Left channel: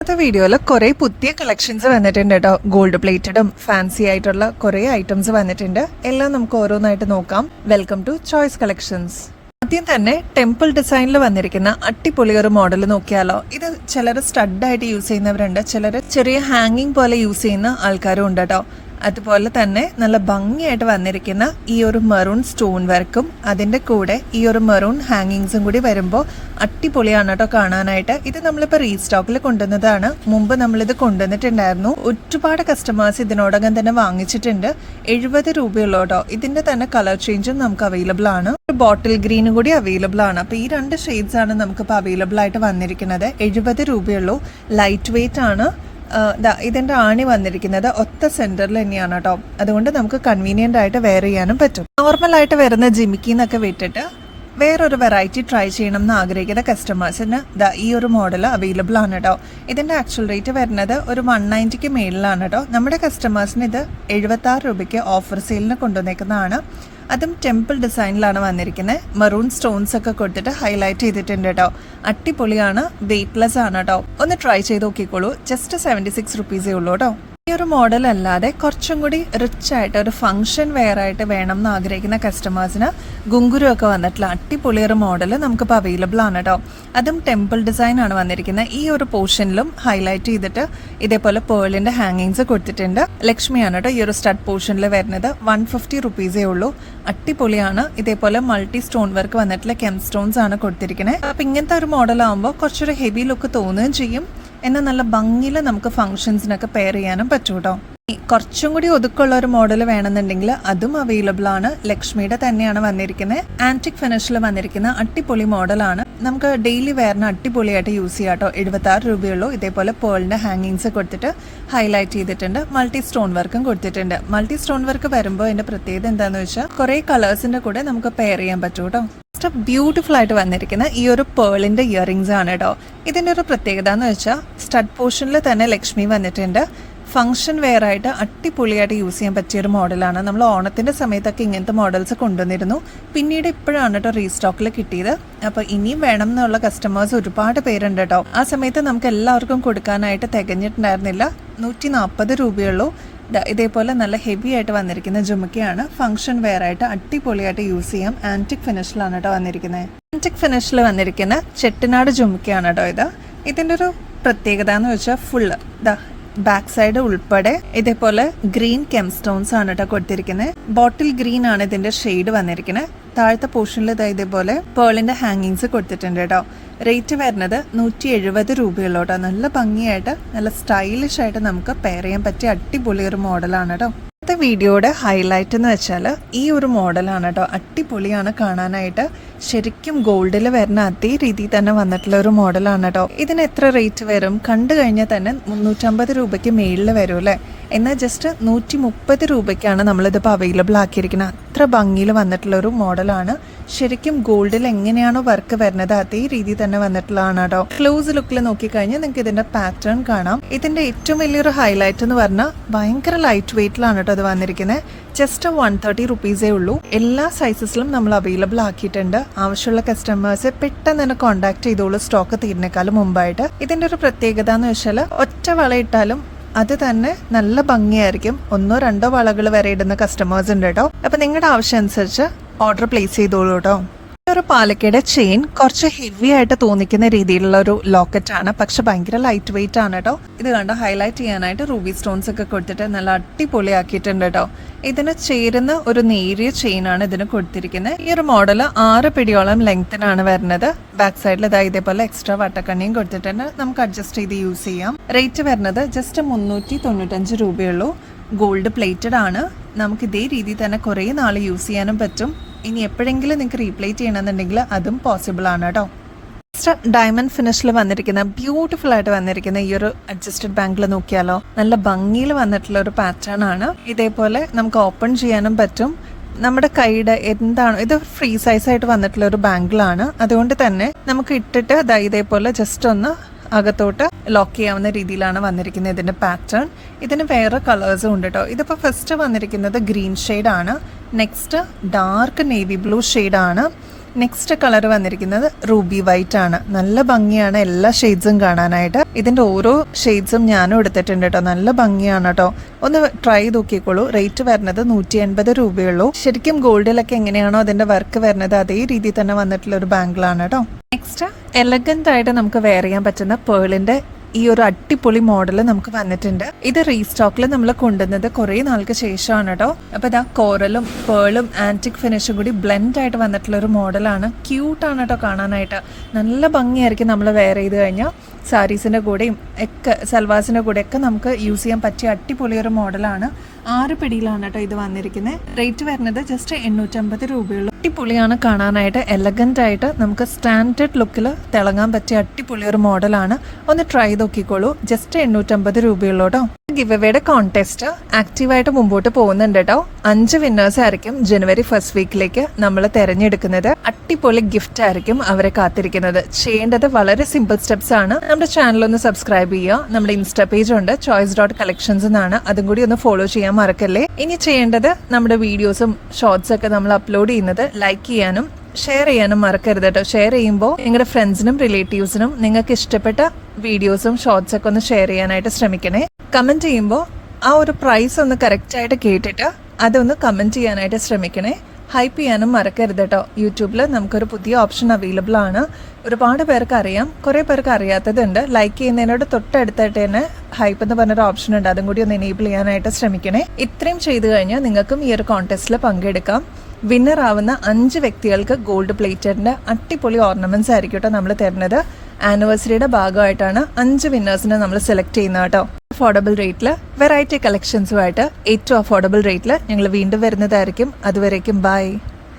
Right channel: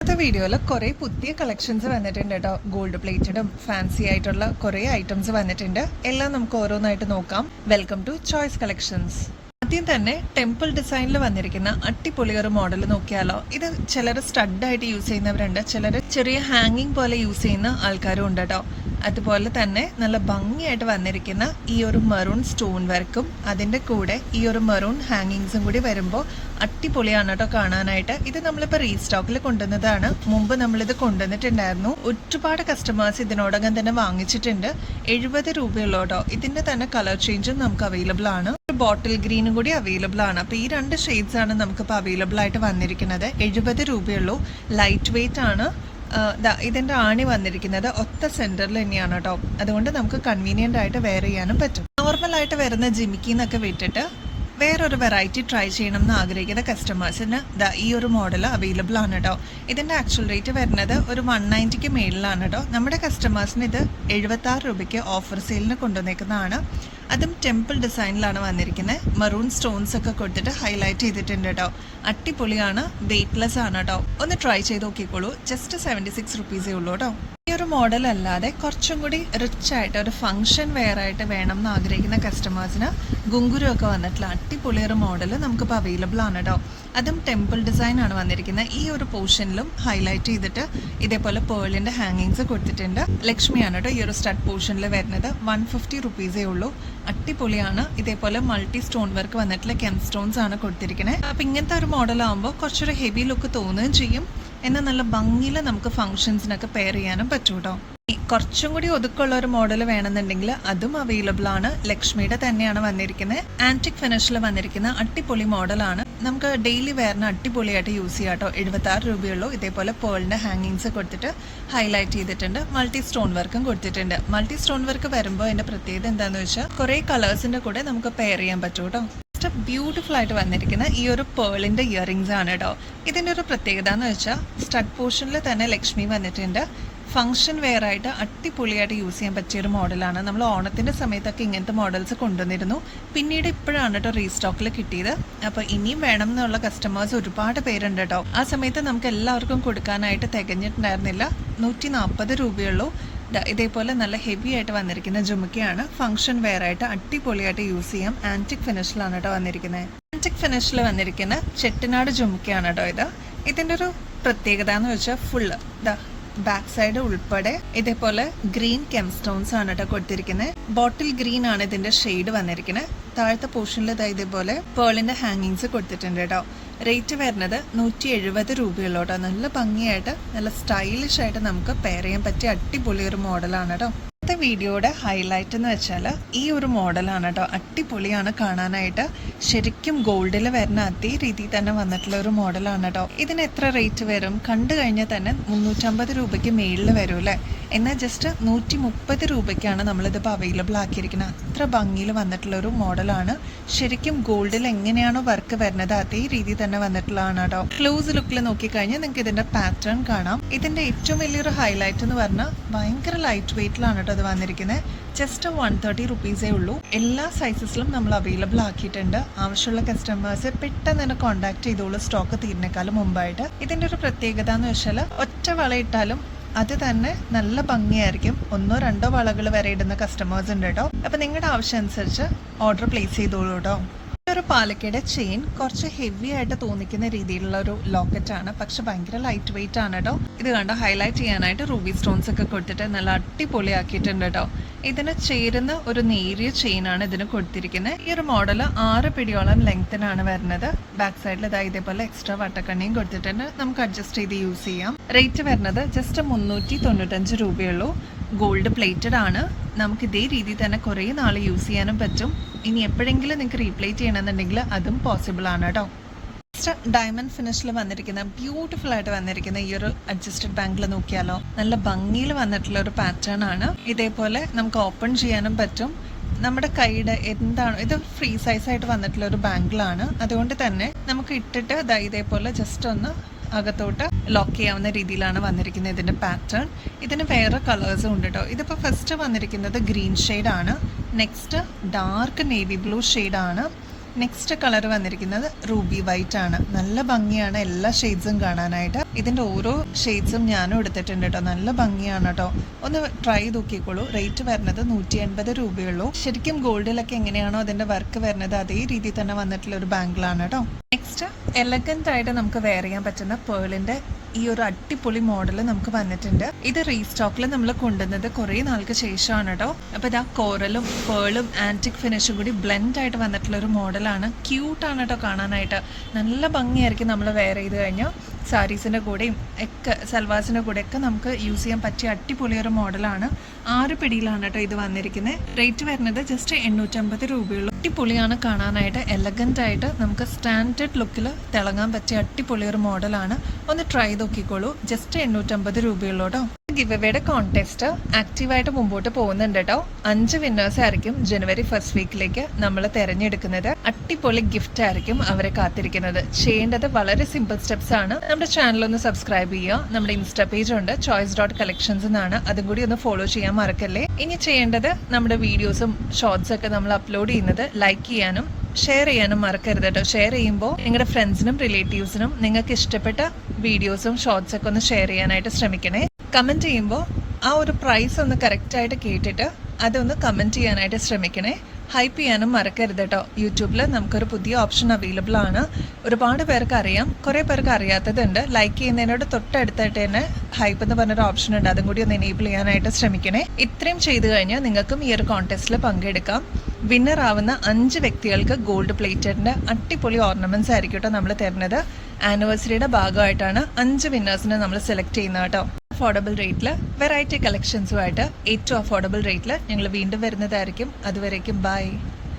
ഇന്നത്തെ വീഡിയോയിൽ കുറേ പുതിയ കളക്ഷൻസ് വന്നിട്ടുണ്ട് കേട്ടോ. ഗോൾഡ് പ്ലേറ്റഡും ഫാൻസി ആയിട്ടുള്ള കുറേ ഐറ്റംസ് വന്നിട്ടുണ്ട്. എല്ലാം നമുക്ക് ഓരോന്നായിട്ട് നോക്കാം. Welcome to choice collections. ആദ്യം തന്നെ ടെമ്പിൾ ഡിസൈനിൽ വന്നിരിക്കുന്ന അടിപൊളി ഒരു മോഡൽ നോക്കിയാലോ. ഇത് ചിലർ സ്റ്റഡായിട്ട് യൂസ് ചെയ്യുന്നവരുണ്ട്, ചിലർ ചെറിയ ഹാങ്ങിങ് പോലെ യൂസ് ചെയ്യുന്ന ആൾക്കാരും ഉണ്ട് കേട്ടോ. അതുപോലെ തന്നെ നല്ല ഭംഗിയായിട്ട് വന്നിരിക്കുന്ന ഈ ഒരു മെറൂൺ സ്റ്റോൺ വർക്കും അതിന്റെ കൂടെ ഈ ഒരു മെറൂൺ ഹാങ്ങിങ്സും കൂടി വരുമ്പോൾ അടിപൊളിയാണ് കേട്ടോ കാണാനായിട്ട്. ഇത് നമ്മളിപ്പോൾ റീസ്റ്റോക്കിൽ കൊണ്ടുവന്നതാണ്. മുമ്പ് നമ്മളിത് കൊണ്ടുവന്നിട്ടുണ്ടായിരുന്നു. ഒരുപാട് കസ്റ്റമേഴ്സ് ഇതിനോടകം തന്നെ വാങ്ങിച്ചിട്ടുണ്ട്. 70 രൂപയുള്ളൂ കേട്ടോ. ഇതിന്റെ തന്നെ കളർ ചേഞ്ചും നമുക്ക് അവൈലബിൾ ആണ്. ബോട്ടിൽ ഗ്രീനും കൂടി അവൈലബിൾ ആണ്. അപ്പൊ ഈ 2 ഷെയ്ഡ്സ് ആണ് നമുക്കിപ്പോൾ അവൈലബിൾ ആയിട്ട് വന്നിരിക്കുന്നത്. 70 രൂപയുള്ളൂ. ലൈറ്റ് വെയിറ്റ് ആണ്. ഇതിന്റെ ആണി വന്നിരിക്കുന്നത് ഒറ്റ സെന്ററിൽ തന്നെയാണ് കേട്ടോ. അതുകൊണ്ട് നമുക്ക് കൺവീനിയന്റ് ആയിട്ട് വെയർ ചെയ്യാനും പറ്റും. നോർമൽ ആയിട്ട് വരുന്ന ജിമിക്കിന്നൊക്കെ വിട്ടിട്ട് വേറൊരു വെറൈറ്റി ട്രൈ ചെയ്യണം എന്ന് ആഗ്രഹിക്കുന്ന കസ്റ്റമേഴ്സിന് ഈ ഒരു മോഡൽ അവൈലബിൾ ആണ് കേട്ടോ. ഇതിന്റെ ആക്ച്വൽ റേറ്റ് വരുന്നത് ഒരു 190ക്ക് മേളിലാണ് കേട്ടോ. നമ്മുടെ കസ്റ്റമേഴ്സിന് ഇത് 76 രൂപയ്ക്ക് ഓഫർ സെയിലിന് കൊണ്ടുവന്നേക്കുന്നതാണ്. അതും ടെമ്പിൾ ഡിസൈനിലാണ് വന്നിരിക്കുന്നത്. മെറൂൺ സ്റ്റോൺസ് ഒക്കെ കൊടുത്തിട്ട് ഹൈലൈറ്റ് ചെയ്തിട്ടുണ്ട് കേട്ടോ. അടിപൊളിയാണ്, വെയ്റ്റ്ലെസ് ആണ് കേട്ടോ. ഒന്ന് ട്രൈ ചെയ്ത് നോക്കിക്കോളൂ. ജസ്റ്റ് 76 റുപ്പീസേ ഉള്ളൂ കേട്ടോ. ഈ ഒരു മോഡൽ അല്ലാതെ കുറച്ചും കൂടി റിച്ച് ആയിട്ട് ഒരു ഫംഗ്ഷൻ വെയർ ആയിട്ട് വേണം എന്ന് ആഗ്രഹിക്കുന്ന കസ്റ്റമേഴ്സിന് ഗുങ്കുരു ഒക്കെ വന്നിട്ടുള്ള അടിപൊളി ഒരു മോഡൽ നമുക്കിപ്പോൾ അവൈലബിൾ ആണ് കേട്ടോ. അതും ടെമ്പിൾ ഡിസൈൻ ആണ് വന്നിരിക്കുന്നത്. ഈ ഒരു പോർഷനിലും ഹൈലൈറ്റ് ചെയ്തിട്ട് ഇതേപോലെ പേളിന്റെ ഹാങ്ങിങ്സ് കൊടുത്തിട്ടുണ്ട്. ലക്ഷ്മിയാണ് കേട്ടോ ഈ ഒരു സ്റ്റഡ് പോർഷനിൽ വരുന്നത്. 150 റുപ്പീസേ ഉള്ളൂ. അടിപൊളിയാണ്. ഇതേപോലെ മൾട്ടി സ്റ്റോൺ വർക്ക് വന്നിട്ടുള്ള കെം സ്റ്റോൺസ് ആണ് കൊടുത്തിരിക്കുന്നത്. അപ്പൊ ഇങ്ങനത്തെ ഒരു മോഡൽ ആകുമ്പോൾ കുറച്ചൊരു ഹെവി ലുക്ക് തോന്നുകയും ചെയ്യും. എന്നാൽ നല്ല ഭംഗിയിൽ നമുക്ക് ഫംഗ്ഷൻസിനൊക്കെ പെയർ ചെയ്യാനും പറ്റും കേട്ടോ. കുറച്ചും കൂടി ഒതുക്കുള്ള ഒരു മോഡൽ വേണമെന്നുണ്ടെങ്കിൽ അതും അവൈലബിൾ ആണ്. ലക്ഷ്മിയുടെ തന്നെയാണ് വന്നിരിക്കുന്നത്. ആന്റിക് ഫിനിഷിൽ വന്നിരിക്കുന്ന അടിപൊളി മോഡലാണ്. നമുക്ക് ഡെയിലി വെയറിന് അടിപൊളിയായിട്ട് യൂസ് ചെയ്യാം കേട്ടോ. 76 രൂപയുള്ളൂ. ഇതേപോലെ പേളിന്റെ ഹാങ്ങിങ്സ് കൊടുത്തിട്ട് ഹൈലൈറ്റ് ചെയ്തിട്ടുണ്ട്. മൾട്ടി സ്റ്റോൺ വർക്കും കൊടുത്തിട്ടുണ്ട്. മൾട്ടി സ്റ്റോൺ വർക്ക് വരുമ്പോൾ അതിന്റെ പ്രത്യേകത എന്താണെന്ന് വെച്ചാൽ കുറെ കളേഴ്സിന്റെ കൂടെ നമുക്ക് പെയർ ചെയ്യാൻ പറ്റും കേട്ടോ. ബ്യൂട്ടിഫുൾ ആയിട്ട് വന്നിരിക്കുന്ന ഈ ഒരു പേളിന്റെ ഇയറിംഗ്സ് ആണ് കേട്ടോ. ഇതിന്റെ ഒരു പ്രത്യേകത എന്ന് വെച്ചാൽ സ്റ്റഡ് പോർഷനിൽ തന്നെ ലക്ഷ്മി വന്നിട്ടുണ്ട്. ഫംഗ്ഷൻ വെയർ ആയിട്ട് അടിപൊളിയായിട്ട് യൂസ് ചെയ്യാൻ പറ്റിയ ഒരു മോഡലാണ്. നമ്മൾ ഓണത്തിന്റെ സമയത്തൊക്കെ ഇങ്ങനത്തെ മോഡൽസ് കൊണ്ടുവന്നിരുന്നു. പിന്നീട് ഇപ്പോഴാണ് കേട്ടോ റീസ്റ്റോക്കിൽ കിട്ടിയത്. അപ്പൊ ഇനിയും വേണം എന്നുള്ള കസ്റ്റമേഴ്സ് ഒരുപാട് പേരുണ്ട് കേട്ടോ. ആ സമയത്ത് നമുക്ക് എല്ലാവർക്കും കൊടുക്കാനായിട്ട് തികഞ്ഞിട്ടുണ്ടായിരുന്നില്ല. 140 രൂപയുള്ളൂ. ഇതേപോലെ നല്ല ഹെവി ആയിട്ട് വന്നിരിക്കുന്ന ജുമുക്കയാണ്. ഫംഗ്ഷൻ വെയർ ആയിട്ട് അടിപൊളിയായിട്ട് യൂസ് ചെയ്യാം. ആന്റിക് ഫിനിഷിലാണ് കേട്ടോ വന്നിരിക്കുന്നത്. ആന്റിക് ഫിനിഷിൽ വന്നിരിക്കുന്ന ചെട്ടിനാട് ജുമുക്കയാണ് കേട്ടോ ഇത്. ഇതിന്റെ ഒരു പ്രത്യേകത എന്ന് വെച്ചാൽ ഫുള്ള് ബാക്ക് സൈഡ് ഉൾപ്പെടെ ഇതേപോലെ ഗ്രീൻ കെം സ്റ്റോൺസ് ആണ് കേട്ടോ കൊടുത്തിരിക്കുന്നത്. ബോട്ടിൽ ഗ്രീൻ ആണ് ഇതിന്റെ ഷെയ്ഡ് വന്നിരിക്കുന്നത്. താഴത്തെ പോർഷനിൽ ഇതേപോലെ പേളിന്റെ ഹാങ്ങിങ്സ് കൊടുത്തിട്ടുണ്ട് കേട്ടോ. റേറ്റ് വരുന്നത് 170 രൂപയുള്ളൂ കേട്ടോ. നല്ല ഭംഗിയായിട്ട് നല്ല സ്റ്റൈലിഷ് ആയിട്ട് നമുക്ക് പെയർ ചെയ്യാൻ പറ്റിയ അടിപൊളി ഒരു മോഡലാണ് കേട്ടോ. ഇന്നത്തെ വീഡിയോയുടെ ഹൈലൈറ്റ് എന്ന് വെച്ചാൽ ഈ ഒരു മോഡലാണ് കേട്ടോ. അടിപൊളിയാണ് കാണാനായിട്ട്. ശരിക്കും ഗോൾഡിൽ വരുന്ന അതേ രീതിയിൽ തന്നെ വന്നിട്ടുള്ള ഒരു മോഡലാണ് കേട്ടോ. ഇതിന് എത്ര റേറ്റ് വരും? കണ്ടു കഴിഞ്ഞാൽ തന്നെ 350 രൂപയ്ക്ക് മേളിൽ വരും അല്ലേ. എന്നാൽ ജസ്റ്റ് 130 രൂപയ്ക്കാണ് നമ്മളിതിപ്പോൾ അവൈലബിൾ ആക്കിയിരിക്കുന്നത്. അത്ര ഭംഗിയിൽ വന്നിട്ടുള്ള ഒരു മോഡലാണ്. ശരിക്കും ഗോൾഡിൽ എങ്ങനെയാണോ വർക്ക് വരുന്നത് അതേ രീതിയിൽ തന്നെ വന്നിട്ടുള്ളതാണ് കേട്ടോ. ക്ലോസ് ലുക്കിൽ നോക്കിക്കഴിഞ്ഞാൽ നിങ്ങൾക്ക് ഇതിന്റെ പാറ്റേൺ കാണാം. ഇതിന്റെ ഏറ്റവും വലിയൊരു ഹൈലൈറ്റ് എന്ന് പറഞ്ഞാൽ ഭയങ്കര ലൈറ്റ് വെയിറ്റിലാണ് കേട്ടോ അത് വന്നിരിക്കുന്നത്. ജസ്റ്റ് 130 റുപ്പീസേ ഉള്ളൂ. എല്ലാ സൈസസിലും നമ്മൾ അവൈലബിൾ ആക്കിയിട്ടുണ്ട്. ആവശ്യമുള്ള കസ്റ്റമേഴ്സ് പെട്ടെന്ന് തന്നെ കോൺടാക്ട് ചെയ്തോളൂ, സ്റ്റോക്ക് തീരുന്നേക്കാളും മുമ്പായിട്ട്. ഇതിന്റെ ഒരു പ്രത്യേകത എന്ന് വെച്ചാൽ ഒറ്റ വളയിട്ടാലും അത് തന്നെ നല്ല ഭംഗിയായിരിക്കും. 1-2 വളകൾ വരെ ഇടുന്ന കസ്റ്റമേഴ്സ് ഉണ്ട് കേട്ടോ. അപ്പൊ നിങ്ങളുടെ ആവശ്യം അനുസരിച്ച് ഓർഡർ പ്ലേസ് ചെയ്തോളൂ കേട്ടോ. ഒരു പാലക്കയുടെ ചെയിൻ കുറച്ച് ഹെവി ആയിട്ട് തോന്നിക്കുന്ന രീതിയിലുള്ള ഒരു ലോക്കറ്റ് ആണ്. പക്ഷെ ഭയങ്കര ലൈറ്റ് വെയിറ്റ് ആണ് കേട്ടോ. ഇത് കണ്ട ഹൈലൈറ്റ് ചെയ്യാനായിട്ട് റൂബി സ്റ്റോൺസ് ഒക്കെ കൊടുത്തിട്ട് നല്ല അടിപൊളിയാക്കിയിട്ടുണ്ട് കേട്ടോ. ഇതിന് ചേരുന്ന ഒരു നേരിയ ചെയിൻ ആണ് ഇതിന് കൊടുത്തിരിക്കുന്നത്. ഈ ഒരു മോഡൽ 6 പിടിയോളം ലെങ്ത്തിനാണ് വരുന്നത്. ബാക്ക് സൈഡിൽ ഇതേപോലെ എക്സ്ട്രാ വട്ടക്കണ്ണിയും കൊടുത്തിട്ടുണ്ട്. നമുക്ക് അഡ്ജസ്റ്റ് ചെയ്ത് യൂസ് ചെയ്യാം. റേറ്റ് വരുന്നത് ജസ്റ്റ് 395 രൂപയുള്ളൂ. ഗോൾഡ് പ്ലേറ്റഡ് ആണ്. നമുക്ക് ഇതേ രീതിയിൽ തന്നെ കുറേ നാൾ യൂസ് ചെയ്യാനും പറ്റും. ഇനി എപ്പോഴെങ്കിലും നിങ്ങൾക്ക് റീപ്ലേറ്റ് ചെയ്യണമെന്നുണ്ടെങ്കിൽ അതും പോസിബിൾ ആണ് കേട്ടോ. ഡയമണ്ട് ഫിനിഷിൽ വന്നിരിക്കുന്ന ബ്യൂട്ടിഫുൾ ആയിട്ട് വന്നിരിക്കുന്ന ഈ ഒരു അഡ്ജസ്റ്റഡ് ബാങ്കിൽ നോക്കിയാലോ. നല്ല ഭംഗിയിൽ വന്നിട്ടുള്ള ഒരു പാറ്റേൺ ആണ്. ഇതേപോലെ നമുക്ക് ഓപ്പൺ ചെയ്യാനും പറ്റും. നമ്മുടെ കൈയുടെ എന്താണോ ഇത് ഫ്രീ സൈസ് ആയിട്ട് വന്നിട്ടുള്ള ഒരു ബാങ്കിളാണ്. അതുകൊണ്ട് തന്നെ നമുക്ക് ഇട്ടിട്ട് ഇതേപോലെ ജസ്റ്റ് ഒന്ന് അകത്തോട്ട് ലോക്ക് ചെയ്യാവുന്ന രീതിയിലാണ് വന്നിരിക്കുന്നത് ഇതിന്റെ പാറ്റേൺ. ഇതിന് വേറെ കളേഴ്സും ഉണ്ട് കേട്ടോ. ഇതിപ്പോ ഫസ്റ്റ് വന്നിരിക്കുന്നത് ഗ്രീൻ ഷെയ്ഡ് ആണ്. Next dark navy blue shade ആണ്. നെക്സ്റ്റ് കളർ വന്നിരിക്കുന്നത് റൂബി വൈറ്റ് ആണ്. നല്ല ഭംഗിയാണ് എല്ലാ ഷെയ്ഡ്സും കാണാനായിട്ട്. ഇതിന്റെ ഓരോ ഷെയ്ഡ്സും ഞാനും എടുത്തിട്ടുണ്ട് കേട്ടോ. നല്ല ഭംഗിയാണ് കേട്ടോ. ഒന്ന് ട്രൈ നോക്കിക്കോളൂ. റേറ്റ് വരുന്നത് 180 രൂപയുള്ളൂ. ശരിക്കും ഗോൾഡിലൊക്കെ എങ്ങനെയാണോ അതിന്റെ വർക്ക് വരുന്നത് അതേ രീതിയിൽ തന്നെ വന്നിട്ടുള്ള ഒരു ബാംഗിളാണ് കേട്ടോ. നെക്സ്റ്റ് എലഗന്റ് ആയിട്ട് നമുക്ക് വെയർ ചെയ്യാൻ പറ്റുന്ന പേളിന്റെ ഈ ഒരു അടിപൊളി മോഡൽ നമുക്ക് വന്നിട്ടുണ്ട്. ഇത് റീസ്റ്റോക്കിൽ നമ്മൾ കൊണ്ടുവന്നത് കുറെ നാൾക്ക് ശേഷമാണ് കേട്ടോ. അപ്പൊ ഇതാ കോറലും പേളും ആന്റിക് ഫിനിഷും കൂടി ബ്ലെൻഡ് ആയിട്ട് വന്നിട്ടുള്ള ഒരു മോഡലാണ്. ക്യൂട്ടാണ് കേട്ടോ കാണാനായിട്ട്. നല്ല ഭംഗിയായിരിക്കും നമ്മൾ വെയർ ചെയ്ത് കഴിഞ്ഞാൽ. സാരീസിന്റെ കൂടെയും ഒക്കെ സൽവാസിന്റെ കൂടെ ഒക്കെ നമുക്ക് യൂസ് ചെയ്യാൻ പറ്റിയ അടിപൊളിയൊരു മോഡലാണ്. 6 പിടിയിലാണ് കേട്ടോ ഇത് വന്നിരിക്കുന്നത്. റേറ്റ് വരുന്നത് ജസ്റ്റ് 850 രൂപയുള്ളൂ. അടിപൊളിയാണ് കാണാനായിട്ട്. എലഗന്റ് ആയിട്ട് നമുക്ക് സ്റ്റാൻഡേർഡ് ലുക്കിൽ തിളങ്ങാൻ പറ്റിയ അടിപൊളിയൊരു മോഡലാണ്. ഒന്ന് ട്രൈ നോക്കിക്കോളൂ. ജസ്റ്റ് 850 രൂപയുള്ളൂ കേട്ടോ. ഗിവ് അവയുടെ കോൺടെസ്റ്റ് ആക്റ്റീവായിട്ട് മുമ്പോട്ട് പോകുന്നുണ്ട് കേട്ടോ. 5 വിന്നേഴ്സ് ആയിരിക്കും ജനുവരി 1st വീക്കിലേക്ക് നമ്മൾ തിരഞ്ഞെടുക്കുന്നത്. അടിപൊളി ഗിഫ്റ്റ് ആയിരിക്കും അവരെ കാത്തിരിക്കുന്നത്. ചെയ്യേണ്ടത് വളരെ സിമ്പിൾ സ്റ്റെപ്സ് ആണ്. നമ്മുടെ ചാനൽ ഒന്ന് സബ്സ്ക്രൈബ് ചെയ്യുക. നമ്മുടെ ഇൻസ്റ്റാ പേജ് ഉണ്ട് choice.collections എന്നാണ്. അതും കൂടി ഒന്ന് ഫോളോ ചെയ്യാൻ മറക്കല്ലേ. ഇനി ചെയ്യേണ്ടത് നമ്മുടെ വീഡിയോസും ഷോർട്സ് ഒക്കെ നമ്മൾ അപ്ലോഡ് ചെയ്യുന്നത് ലൈക്ക് ചെയ്യാനും ഷെയർ ചെയ്യാനും മറക്കരുത് കേട്ടോ. ഷെയർ ചെയ്യുമ്പോൾ നിങ്ങളുടെ ഫ്രണ്ട്സിനും റിലേറ്റീവ്സിനും നിങ്ങൾക്ക് ഇഷ്ടപ്പെട്ട വീഡിയോസും ഷോർട്സ് ഒക്കെ ഒന്ന് ഷെയർ ചെയ്യാനായിട്ട് ശ്രമിക്കണേ. കമന്റ് ചെയ്യുമ്പോൾ ആ ഒരു പ്രൈസ് ഒന്ന് കറക്റ്റ് ആയിട്ട് കേട്ടിട്ട് അതൊന്ന് കമന്റ് ചെയ്യാനായിട്ട് ശ്രമിക്കണേ. ഹൈപ്പ് ചെയ്യാനും മറക്കരുത് കേട്ടോ. യൂട്യൂബിൽ നമുക്കൊരു പുതിയ ഓപ്ഷൻ അവൈലബിൾ ആണ്. ഒരുപാട് പേർക്ക് അറിയാം, കുറേ പേർക്ക് അറിയാത്തതുണ്ട്. ലൈക്ക് ചെയ്യുന്നതിനോട് തൊട്ടടുത്തായിട്ട് തന്നെ ഹൈപ്പ് എന്ന് പറഞ്ഞൊരു ഓപ്ഷൻ ഉണ്ട്. അതും കൂടി ഒന്ന് എനേബിൾ ചെയ്യാനായിട്ട് ശ്രമിക്കണേ. ഇത്രയും ചെയ്തു കഴിഞ്ഞാൽ നിങ്ങൾക്കും ഈ ഒരു കോൺടെസ്റ്റിൽ പങ്കെടുക്കാം. വിന്നർ ആവുന്ന 5 വ്യക്തികൾക്ക് ഗോൾഡ് പ്ലേറ്റഡിന്റെ അടിപൊളി ഓർണമെന്റ്സ് ആയിരിക്കും കേട്ടോ നമ്മൾ തരുന്നത്. ആനിവേഴ്സറിയുടെ ഭാഗമായിട്ടാണ് 5 വിന്നേഴ്സിനെ നമ്മൾ സെലക്ട് ചെയ്യുന്നത് കേട്ടോ. അഫോർഡബിൾ റേറ്റിൽ വെറൈറ്റി കളക്ഷൻസുമായിട്ട് ഏറ്റവും അഫോർഡബിൾ റേറ്റിൽ ഞങ്ങൾ വീണ്ടും വരുന്നതായിരിക്കും. അതുവരേക്കും ബൈ.